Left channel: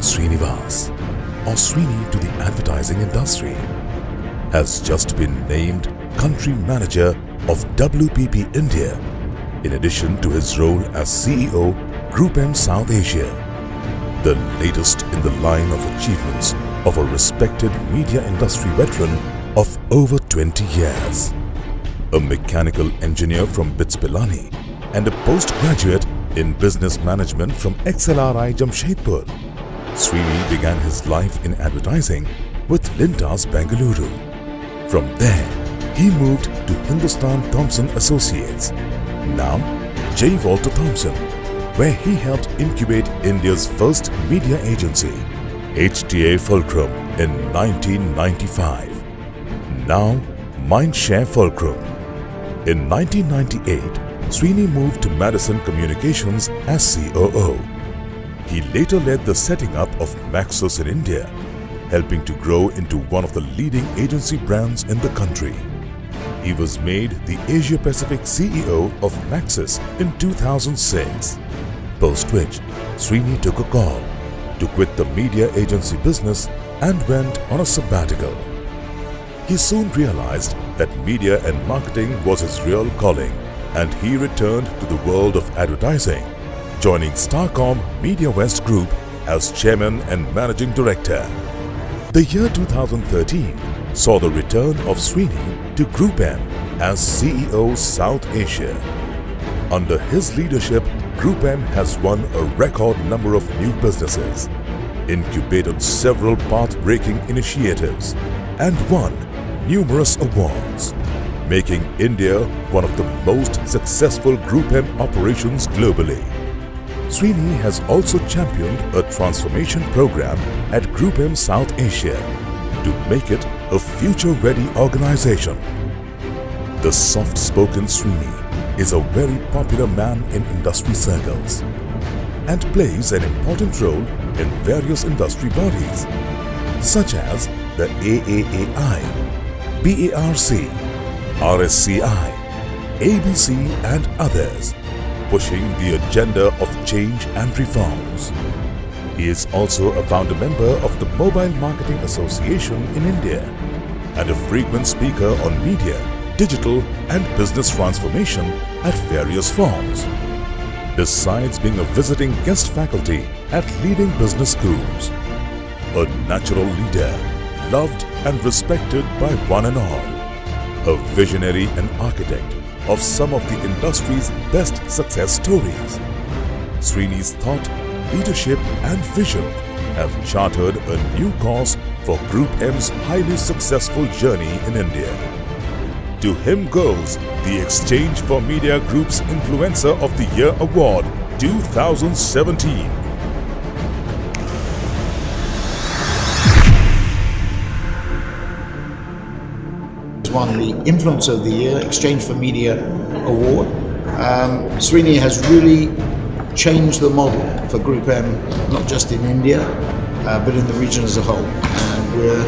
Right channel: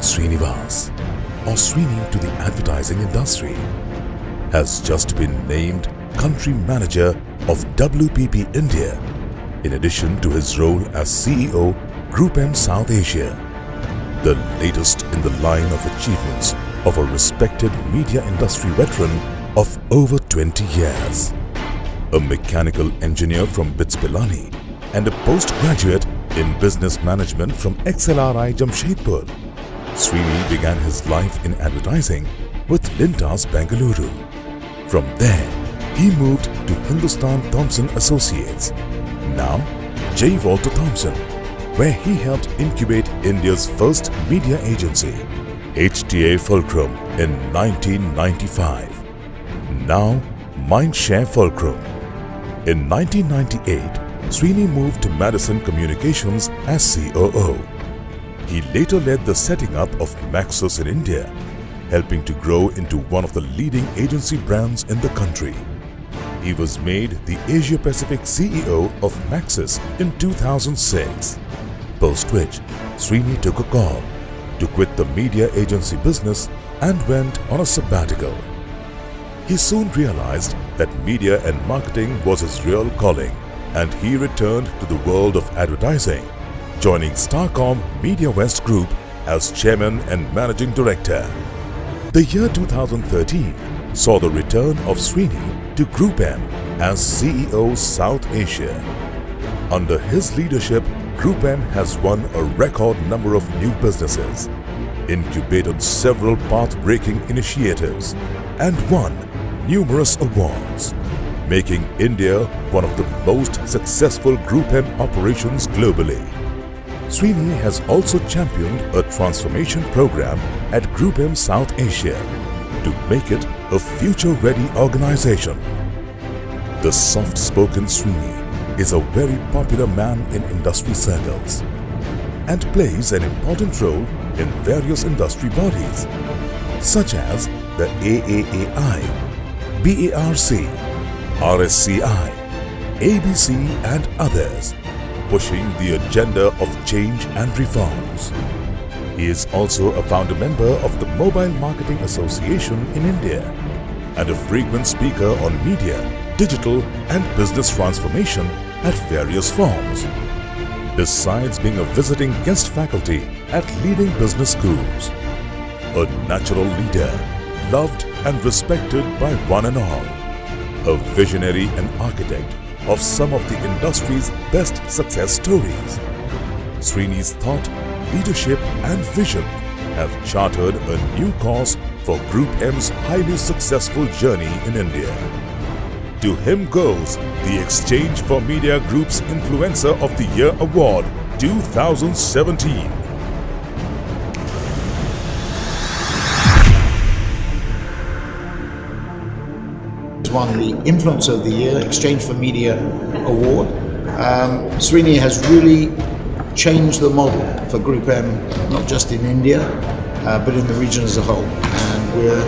CVL Srinivas, or Srini to the advertising industry, has just been named Country Manager of WPP India, in addition to his role as CEO, Group M South Asia, the latest in the line of achievements of a respected media industry veteran of over 20 years. A mechanical engineer from BITS Pilani and a postgraduate in business management from XLRI Jamshedpur, Srini began his life in advertising with Lintas Bengaluru. From there, he moved to Hindustan Thompson Associates, now J. Walter Thompson, where he helped incubate India's first media agency, HTA Fulcrum, in 1995. Now Mindshare Fulcrum. In 1998, Srini moved to Madison Communications as COO. He later led the setting up of Maxus in India, helping to grow into one of the leading agency brands in the country. He was made the Asia Pacific CEO of Maxus in 2006, post which Srini took a call to quit the media agency business and went on a sabbatical. He soon realized that media and marketing was his real calling, and he returned to the world of advertising, joining Starcom Media West Group as Chairman and Managing Director. The year 2013 saw the return of Srini to Group M as CEO South Asia. Under his leadership, Group M has won a record number of new businesses, incubated several path-breaking initiatives, and won numerous awards, making India one of the most successful Group M operations globally. Srini has also championed a transformation program at Group M South Asia to make it a future-ready organization. The soft-spoken Srini is a very popular man in industry circles and plays an important role in various industry bodies such as the AAAI, BARC, RSCI, ABC and others, pushing the agenda of change and reforms. He is also a founder member of the Mobile Marketing Association in India and a frequent speaker on media, digital and business transformation at various forums, besides being a visiting guest faculty at leading business schools. A natural leader, loved and respected by one and all. A visionary and architect of some of the industry's best success stories. Srini's thought, leadership and vision have chartered a new course for Group M's highly successful journey in India. To him goes the Exchange for Media Group's Influencer of the Year Award 2017. Won the Influencer of the Year Exchange for Media Award. Srini has really changed the model for Group M, not just in India, but in the region as a whole. And we're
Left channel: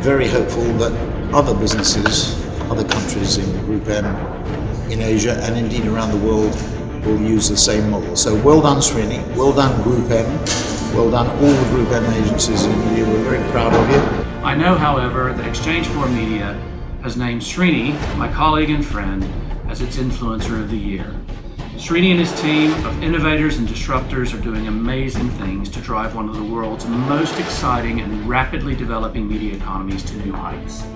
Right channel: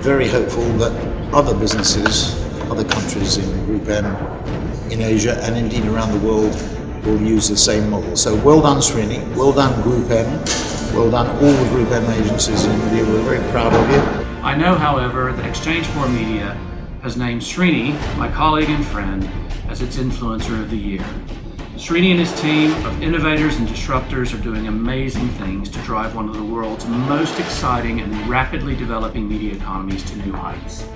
very hopeful that other businesses, other countries in Group M, in Asia and indeed around the world will use the same model. So well done Srini, well done Group M, well done all the Group M agencies in India. We're very proud of you. I know, however, that Exchange for Media has named Srini, my colleague and friend, as its Influencer of the Year. Srini and his team of innovators and disruptors are doing amazing things to drive one of the world's most exciting and rapidly developing media economies to new heights.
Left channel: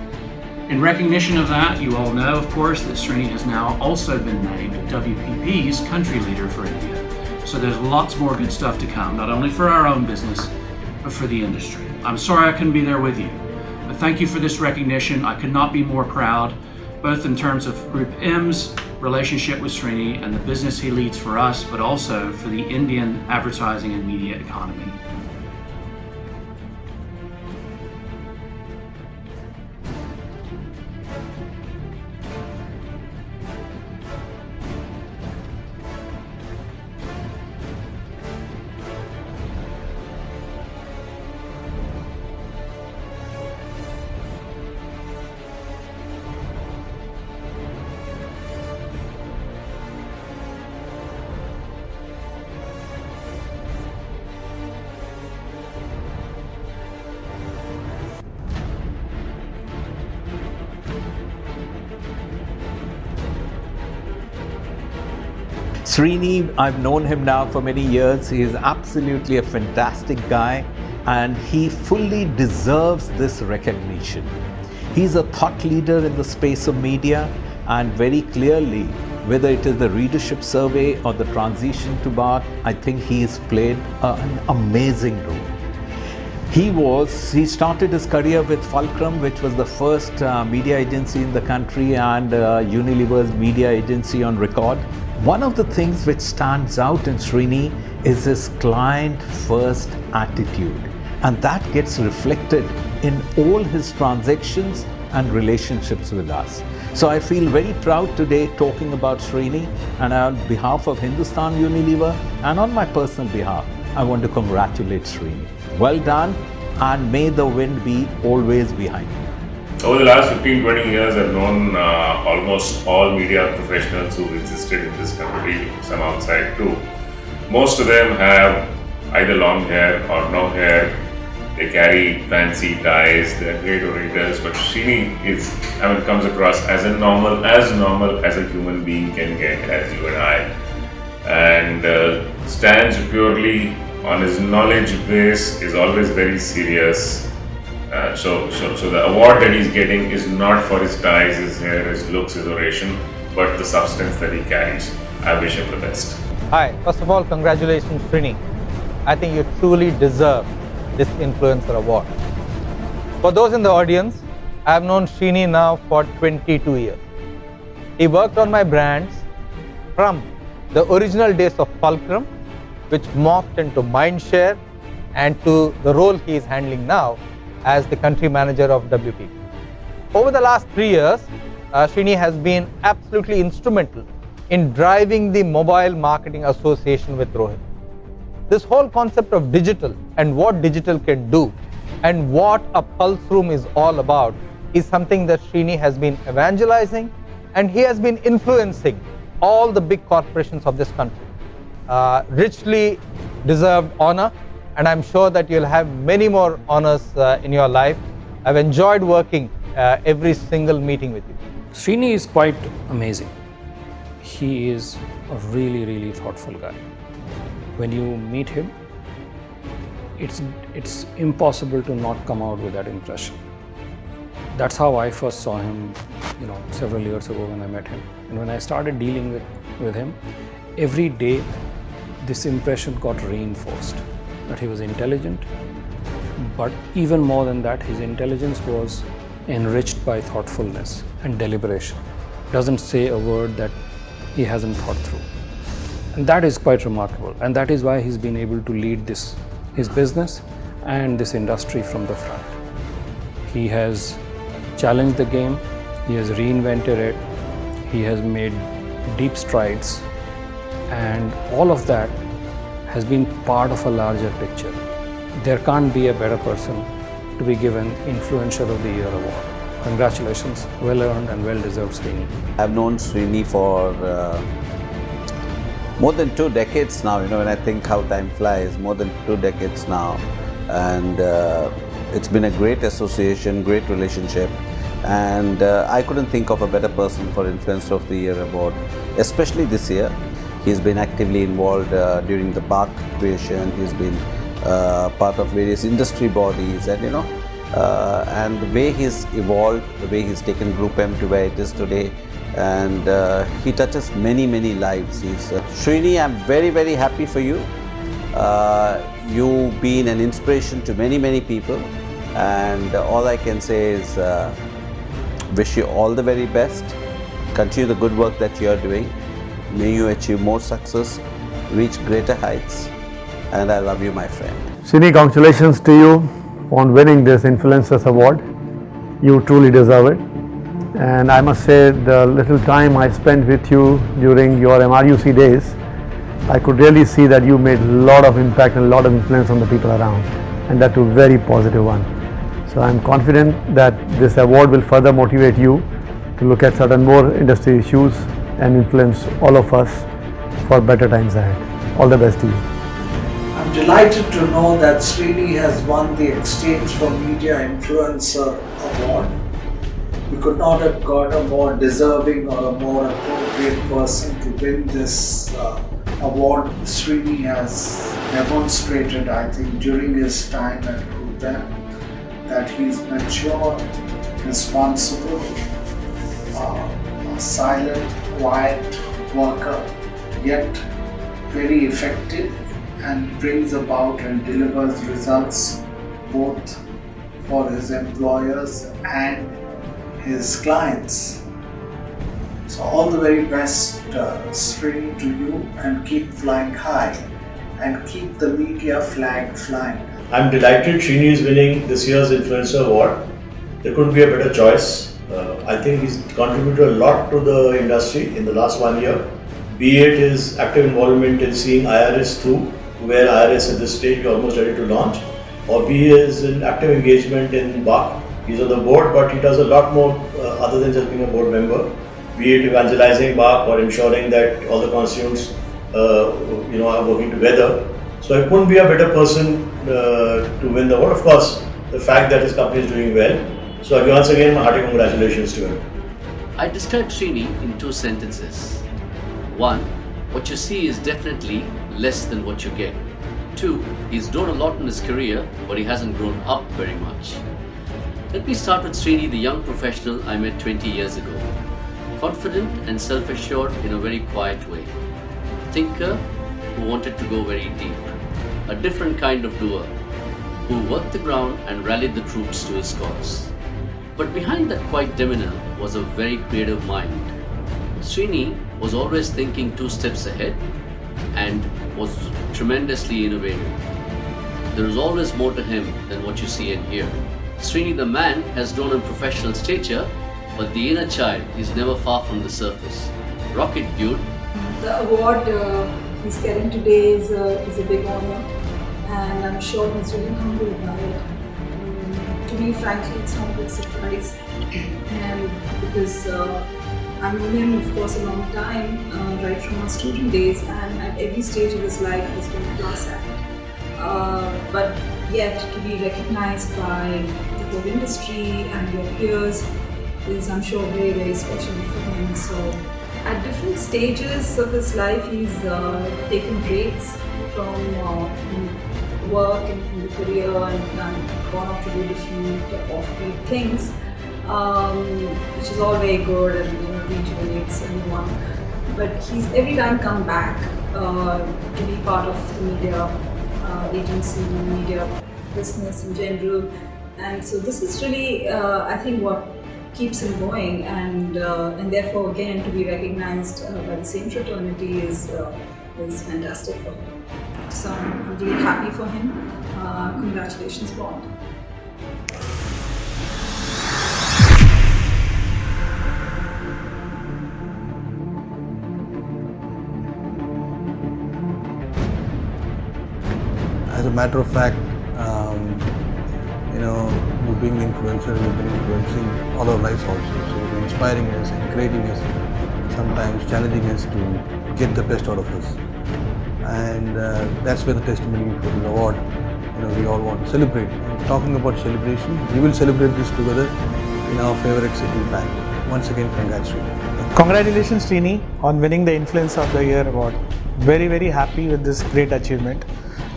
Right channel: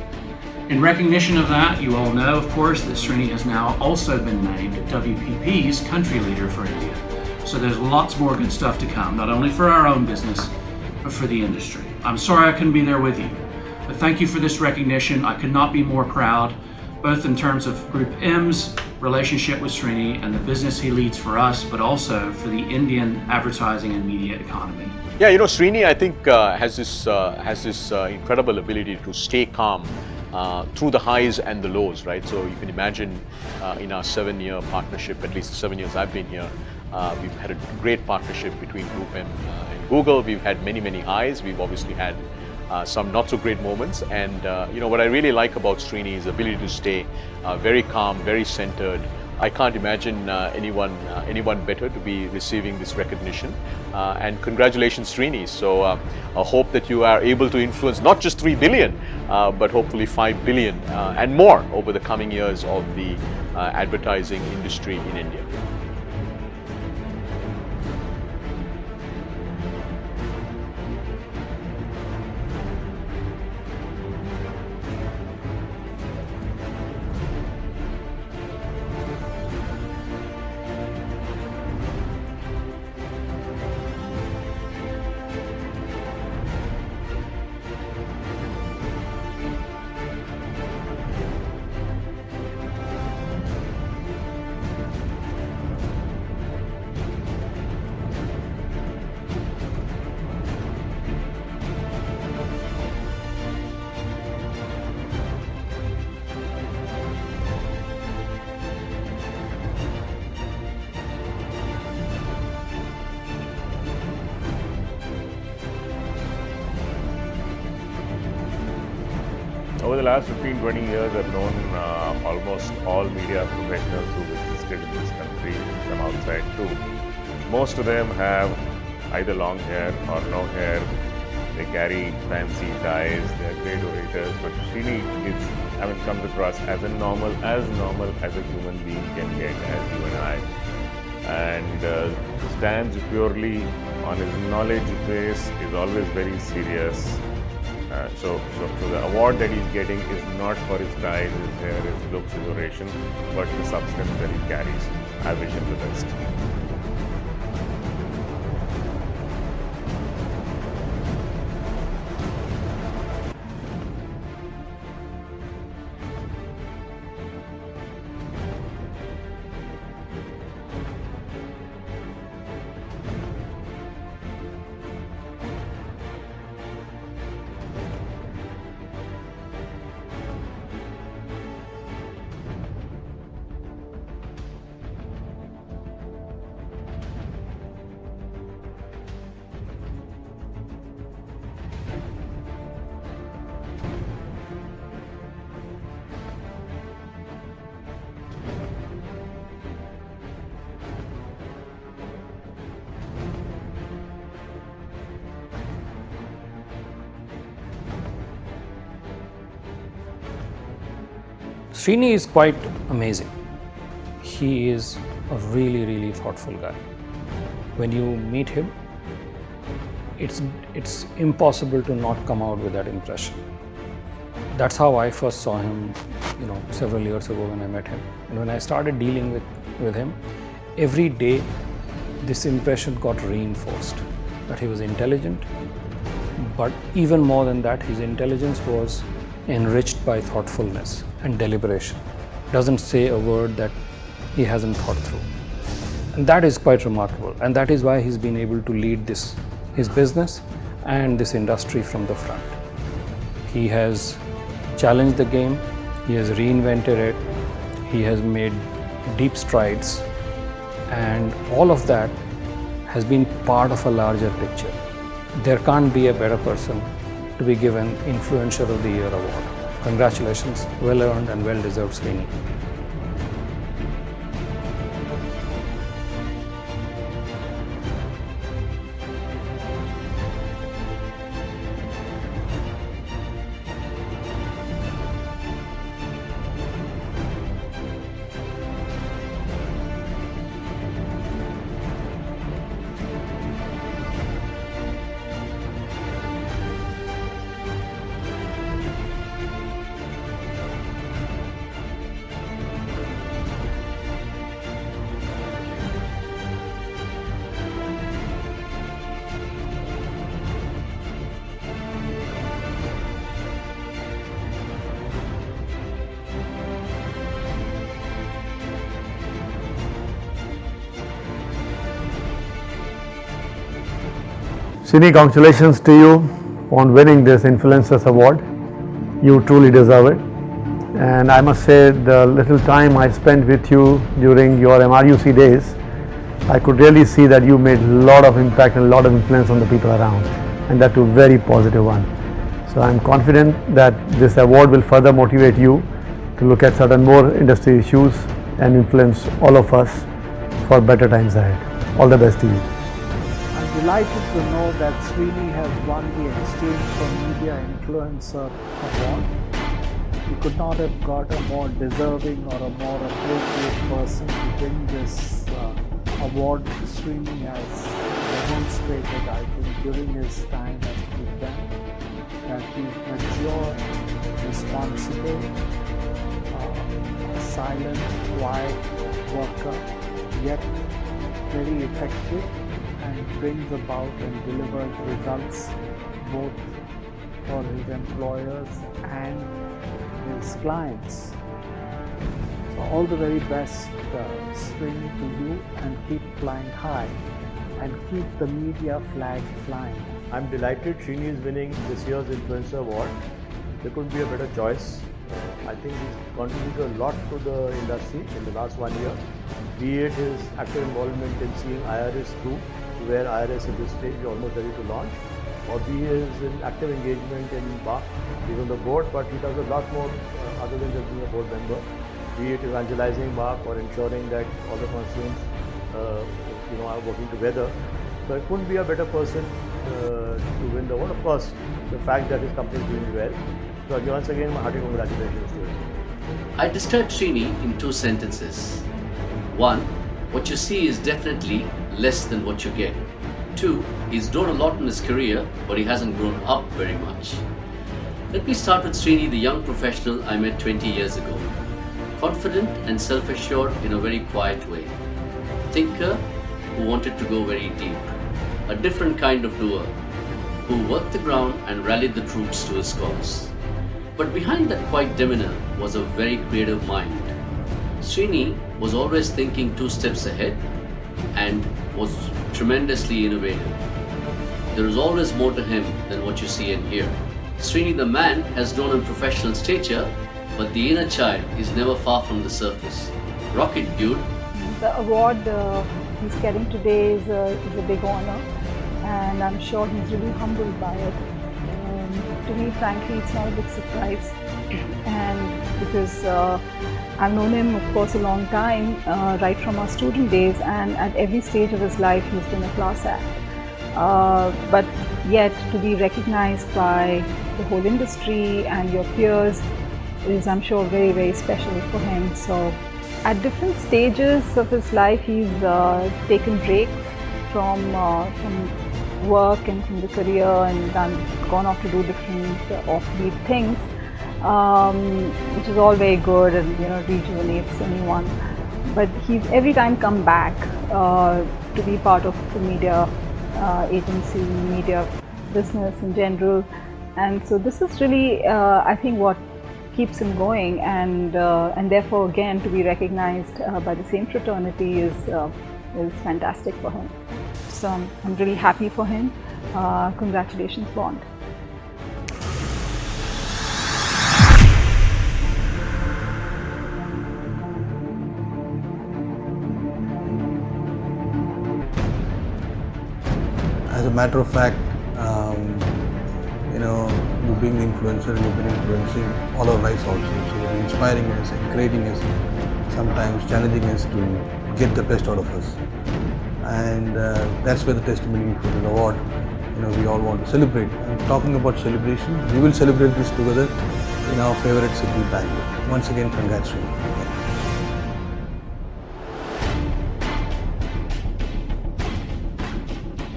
In recognition of that, you all know, of course, that Srini has now also been named WPP's country leader for India. So there's lots more good stuff to come, not only for our own business, but for the industry. I'm sorry I couldn't be there with you. But thank you for this recognition. I could not be more proud, both in terms of Group M's relationship with Srini and the business he leads for us, but also for the Indian advertising and media economy. Yeah, you know, Srini, I think has this incredible ability to stay calm through the highs and the lows, right? So you can imagine in our 7-year partnership, at least the 7 years I've been here, we've had a great partnership between Group M and Google. We've had many highs. We've obviously had some not so great moments, and you know what I really like about Srini's ability to stay very calm, very centered, I can't imagine anyone better to be receiving this recognition. And congratulations, Srini. So I hope that you are able to influence not just 3 billion, but hopefully 5 billion and more over the coming years of the advertising industry in India. Srini, I've known him now for many years. He is absolutely a fantastic guy, and he fully deserves this recognition. He's a thought leader in the space of media, and very clearly, whether it is the readership survey or the transition to BART, I think he's played an amazing role. He started his career with Fulcrum, which was the first media agency in the country and Unilever's media agency on record. One of the things which stands out in Srini is his client-first attitude, and that gets reflected in all his transactions and relationships with us. So I feel very proud today talking about Srini, and on behalf of Hindustan Unilever and on my personal behalf, I want to congratulate Srini. Well done, and may the wind be always behind you. Over the last 15-20 years, I've known almost all media professionals who've existed in this country, some outside too. Most of them have either long hair or no hair. They carry fancy ties, they're great orators, but Srini comes across as normal as a human being can get, as you and I, and stands purely on his knowledge base, is always very serious. So the award that he's getting is not for his ties, his hair, his looks, his oration, but the substance that he carries. I wish him the best. Hi, first of all, congratulations, Srini. I think you truly deserve this Influencer Award. For those in the audience, I have known Srini now for 22 years. He worked on my brands from the original days of Fulcrum, which morphed into Mindshare, and to the role he is handling now as the country manager of WPP. Over the last 3 years, Srini has been absolutely instrumental in driving the Mobile Marketing Association with Rohit. This whole concept of digital and what digital can do and what a pulse room is all about is something that Srini has been evangelizing, and he has been influencing all the big corporations of this country. Richly deserved honor, and I'm sure that you'll have many more honors in your life. I've enjoyed working every single meeting with you. Srini is quite amazing. He is a really, really thoughtful guy. When you meet him, it's impossible to not come out with that impression. That's how I first saw him, several years ago when I met him. And when I started dealing with him, every day this impression got reinforced, that he was intelligent, but even more than that, his intelligence was enriched by thoughtfulness and deliberation. Doesn't say a word that he hasn't thought through. And that is quite remarkable, and that is why he's been able to lead his business and this industry from the front. He has challenged the game, he has reinvented it, he has made deep strides, and all of that has been part of a larger picture. There can't be a better person to be given Influencer of the Year award. Congratulations, well earned and well deserved, Srini. I've known Srini for more than 2 decades now. When I think how time flies, more than 2 decades now, and it's been a great association, great relationship, and I couldn't think of a better person for Influencer of the Year award, especially this year. He's been actively involved during the BART creation. He's been part of various industry bodies, and the way he's evolved, the way he's taken Group M to where it is today, and he touches many, many lives. Srini, I'm very, very happy for you. You've been an inspiration to many, many people, and all I can say is wish you all the very best. Continue the good work that you're doing. May you achieve more success, reach greater heights, and I love you, my friend. Srini, congratulations to you on winning this Influencers Award. You truly deserve it. And I must say, the little time I spent with you during your MRUC days, I could really see that you made a lot of impact and a lot of influence on the people around, and that too a very positive one. So I'm confident that this award will further motivate you to look at certain more industry issues and influence all of us for better times ahead. All the best to you. I'm delighted to know that Srini has won the Exchange for Media Influencer Award. We could not have got a more deserving or a more appropriate person to win this award. Srini has demonstrated, I think, during his time at GroupM that he's mature, responsible, a silent, quiet worker, yet very effective, and brings about and delivers results both for his employers and his clients. So all the very best, Srini, to you, and keep flying high and keep the media flag flying. I'm delighted Srini is winning this year's Influencer Award. There couldn't be a better choice. I think he's contributed a lot to the industry in the last 1 year, be it his active involvement in seeing IRS through, where IRS at this stage is almost ready to launch, or be his active engagement in BAC. He's on the board, but he does a lot more other than just being a board member, be it evangelizing BAC or ensuring that all the constituents are working together. So I couldn't be a better person to win the award. Of course, the fact that his company is doing well. So once again, my hearty congratulations to him. I describe Srini in 2 sentences. 1, what you see is definitely less than what you get. 2, he's grown a lot in his career, but he hasn't grown up very much. Let me start with Srini, the young professional I met 20 years ago. Confident and self-assured in a very quiet way. Thinker who wanted to go very deep. A different kind of doer who worked the ground and rallied the troops to his cause. But behind that quiet demeanor was a very creative mind. Srini was always thinking 2 steps ahead and was tremendously innovative. There is always more to him than what you see and hear. Srini the man has grown in professional stature, but the inner child is never far from the surface. Rock it, dude. The award he's getting today is a big honor, and I'm sure he's really humbled by it. To me, frankly, it's not a big surprise, and because I've known him, of course, a long time, right from our student days, and at every stage of his life, he's been a class act. But yet, to be recognized by the whole industry and your peers is, I'm sure, very, very special for him. So, at different stages of his life, he's taken breaks from work and from the career and gone off to do different off-beat things, which is all very good and rejuvenates anyone. But he's every time come back to be part of the media agency, media business in general, and so this is really I think what keeps him going, and therefore again to be recognized by the same fraternity is fantastic for him. So I'm really happy for him. Congratulations, Bond. As a matter of fact, you being the influencer, you've been influencing all our lives also. So inspiring us, encouraging us, sometimes challenging us to get the best out of us. And that's where the testimony for the award, we all want to celebrate. And talking about celebration, we will celebrate this together in our favorite city, Bangalore. Once again, congrats, Srini. Congratulations, Srini, on winning the Influencer of the Year award. Very, very happy with this great achievement.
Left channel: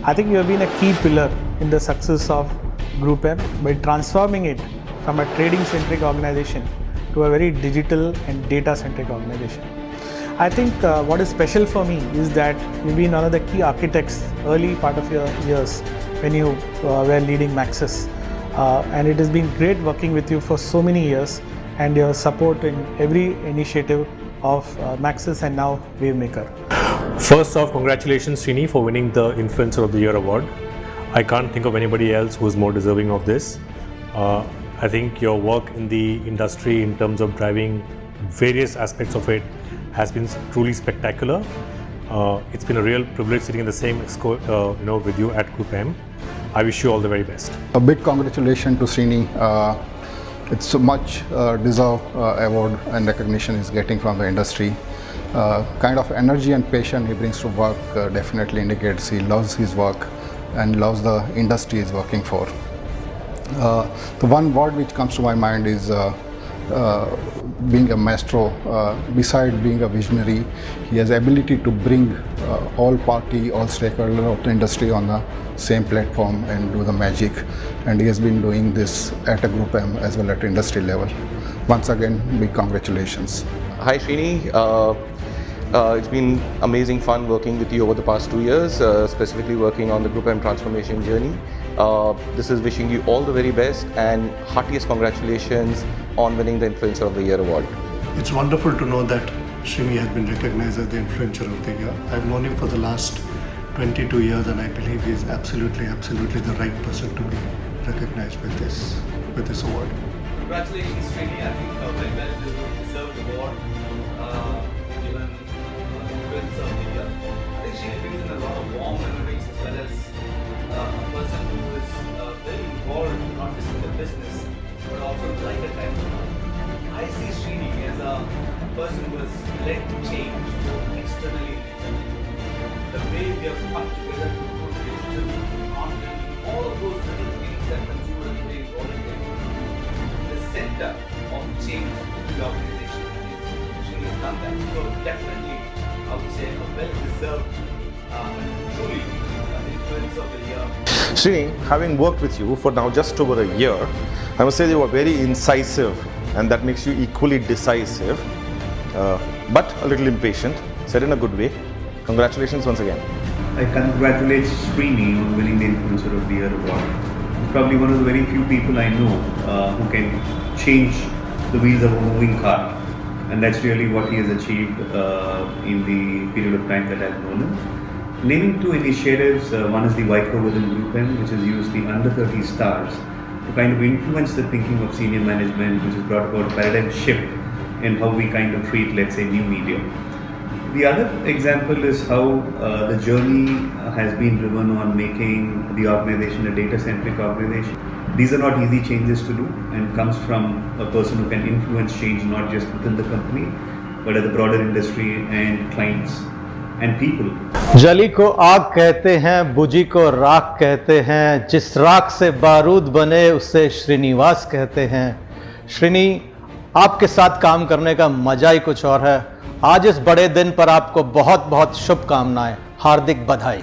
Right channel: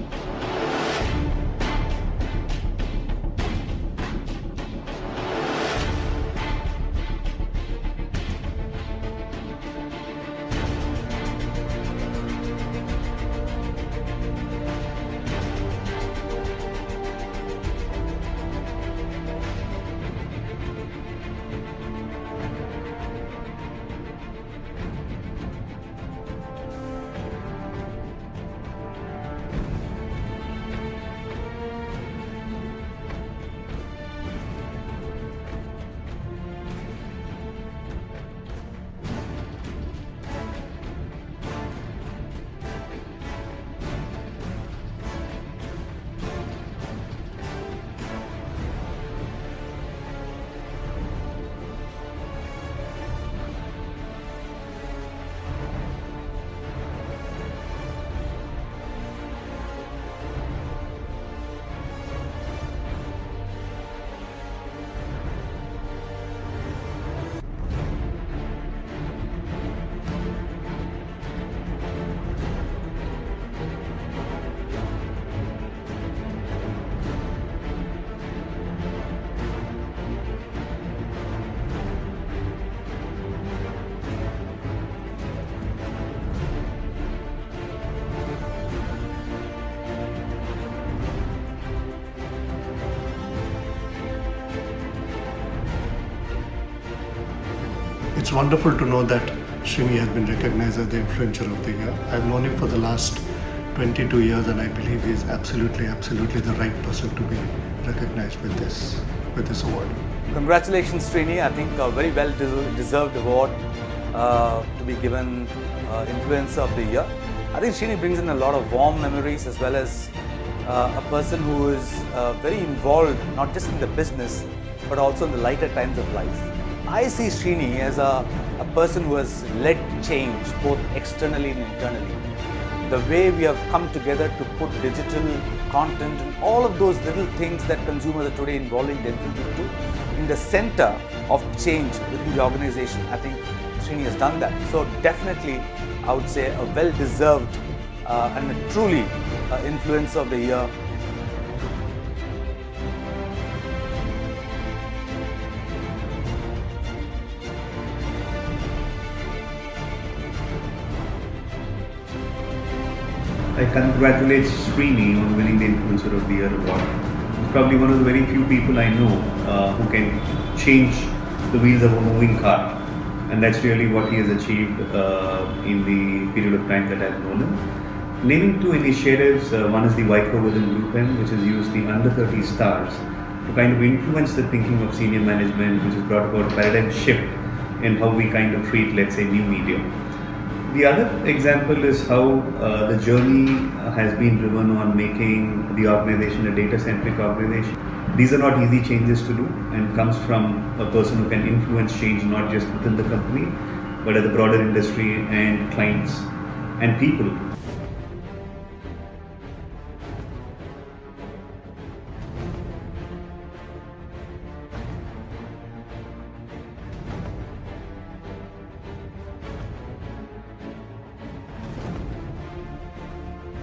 I think you have been a key pillar in the success of GroupM by transforming it from a trading-centric organization to a very digital and data-centric organization. I think what is special for me is that you've been one of the key architects early part of your years when you were leading Maxis. And it has been great working with you for so many years, and your support in every initiative of Maxis and now Wavemaker. First off, congratulations Srini for winning the Influencer of the Year award. I can't think of anybody else who's more deserving of this. I think your work in the industry in terms of driving various aspects of it has been truly spectacular. It's been a real privilege sitting in the same with you at GroupM. I wish you all the very best. A big congratulations to Srini. It's a much deserved award and recognition he's getting from the industry. kind of energy and passion he brings to work definitely indicates he loves his work and loves the industry he's working for. The one word which comes to my mind is being a maestro. Beside being a visionary, he has ability to bring all party, all stakeholders of the industry on the same platform and do the magic. And he has been doing this at a Group M as well at industry level. Once again, big congratulations. Hi Srini. It's been amazing fun working with you over the past 2 years, specifically working on the Group M transformation journey. This is wishing you all the very best and heartiest congratulations on winning the Influencer of the Year award. It's wonderful to know that Srini has been recognized as the Influencer of the Year. I've known him for the last 22 years and I believe he is absolutely the right person to be recognized with this award. Congratulations Srini, I think a very well deserved award to be given Influencer of the Year. I think Srini brings in a lot of warm memories as well as a person who is very involved not just in the business but also in the lighter times of life. I see Srini as a person who has led change both externally and internally. The way we have come together to put digital content and all of those little things that consumers are today involving their thinking into in the center of change within the organization. I think Srini has done that. So definitely I would say a well-deserved and truly Influencer of the Year. Srini, having worked with you for now just over a year, I must say you were very incisive and that makes you equally decisive, but a little impatient, said in a good way. Congratulations once again. I congratulate Srini on winning the Influencer of the Year award. He's probably one of the very few people I know who can change the wheels of a moving car, and that's really what he has achieved in the period of time that I've known him. Naming two initiatives, one is the WICO within Group M, which has used the under 30 stars to kind of influence the thinking of senior management, which has brought about a paradigm shift in how we kind of treat, let's say, new media. The other example is how the journey has been driven on making the organization a data-centric organization. These are not easy changes to do and comes from a person who can influence change not just within the company, but at the broader industry and clients and people. जली को आग कहते हैं, बुझी को राख कहते हैं, जिस राख से बारूद बने उसे श्रीनिवास कहते हैं। श्रीनी, आपके साथ काम करने का मजा ही कुछ और है। आज इस बड़े दिन पर आपको बहुत बहुत शुभकामनाएं, हार्दिक बधाई।